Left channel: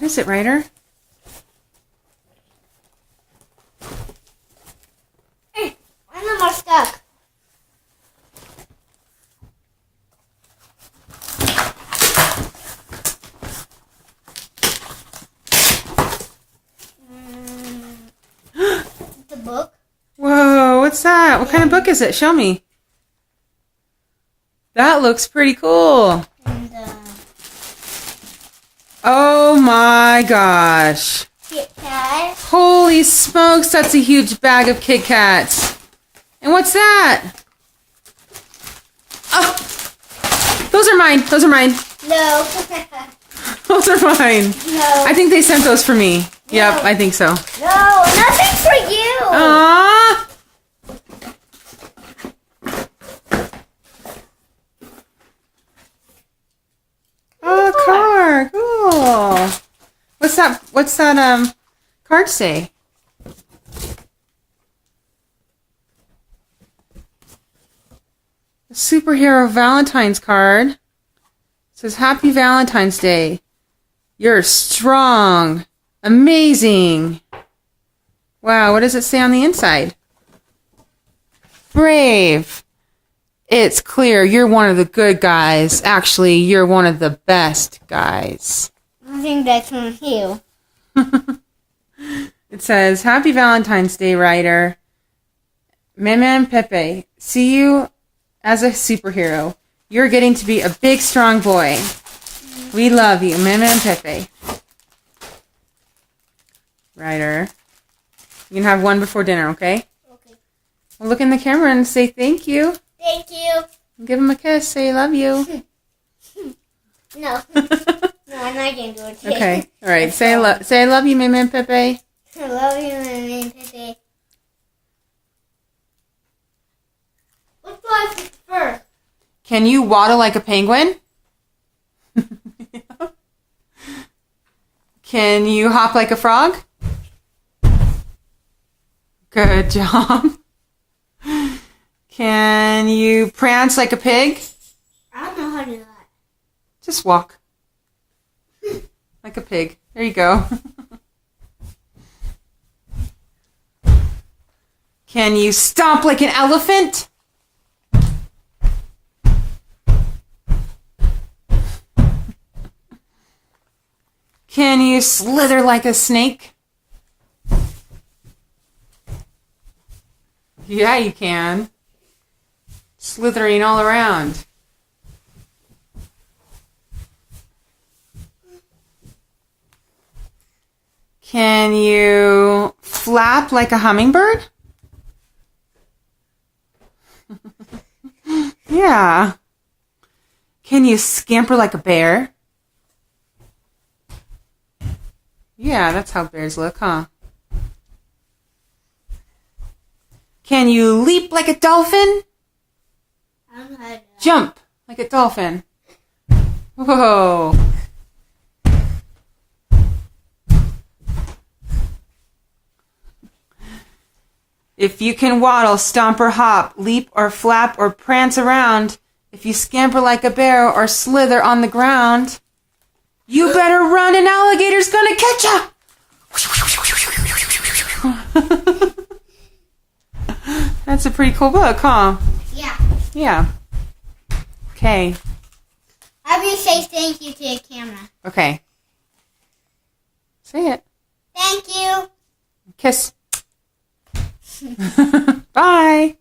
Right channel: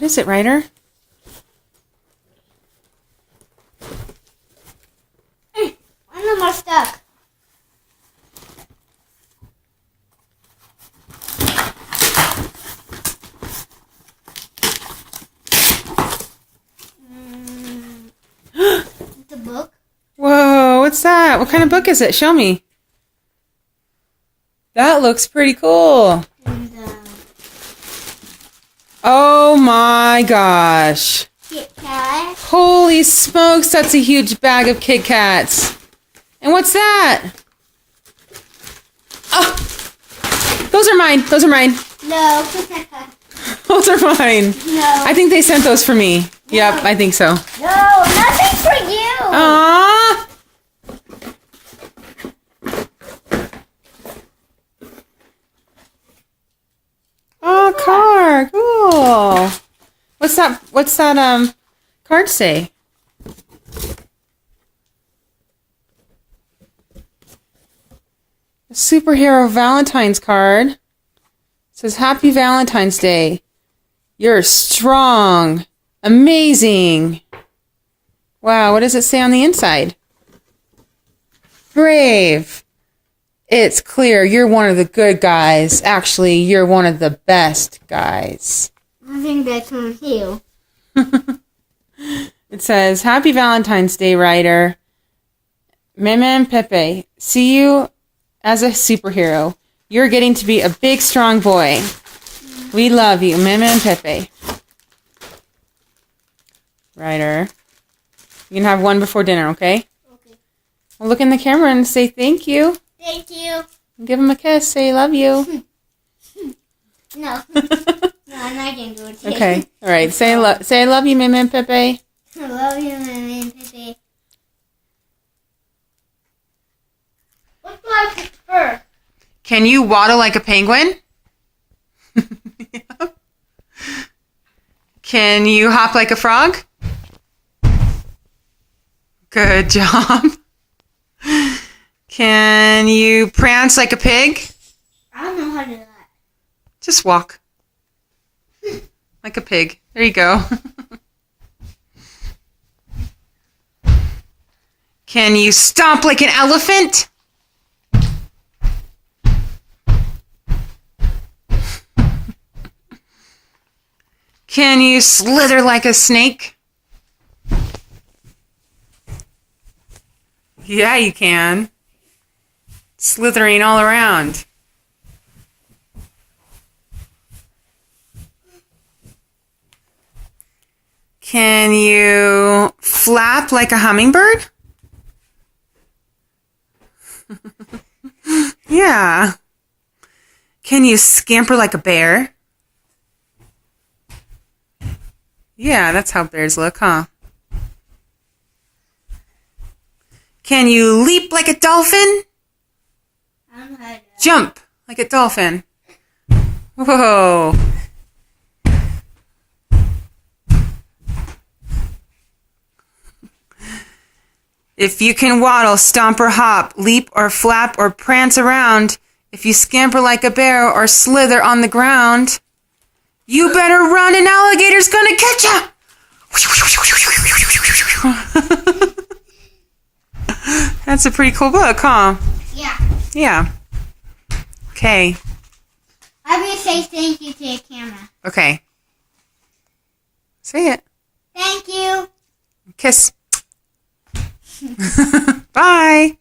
What is it, Ryder? Why am I stuck? It's a book. Whoa, what's that? What kind of book is it? Show me. That looks pretty cool. And Oh my gosh. Kit Kat. Holy smokes, that's a huge bag of Kit Kats. And what's that? Oh, those are mine. Those are mine. No. Those are mine. No. I think they sent those for me. Yep, I think so. No, nothing for you. Aww. Oh, card. Cool. What's that card say? A superhero Valentine's card. It says Happy Valentine's Day. You're strong. Amazing. Wow, what does it say on the inside? Brave. It's clear you're one of the good guys. Actually, you're one of the best guys. I think that's from you. It says, Happy Valentine's Day, Ryder. Meme and Pepe, see you as a superhero. You're getting to be a big, strong boy. We love you, Meme and Pepe. Ryder. You can have one before dinner, okay? Okay. Well, look in the camera and say thank you. Thank you. Give him a kiss. Say love you. No. No, I'm not going to do it today. Okay. All right. Say I love you, Meme and Pepe. I love you, Meme and Pepe. What do I pick first? Can you waddle like a penguin? Can you hop like a frog? Good job. Can you prance like a pig? I don't know how to do that. Just walk. Like a pig. There you go. Can you stomp like an elephant? Can you slither like a snake? Yeah, you can. Slithering all around. Can you flap like a hummingbird? Yeah. Can you scamper like a bear? Yeah, that's how bears look, huh? Can you leap like a dolphin? I don't know how to do that. Jump like a dolphin. Whoa. If you can waddle, stomp or hop, leap or flap or prance around, if you scamper like a bear or slither on the ground, you better run, an alligator's gonna catch ya! That's a pretty cool book, huh? Yeah. Yeah. Okay. I will say thank you to the camera. Okay. Say it. Thank you. Kiss. Bye.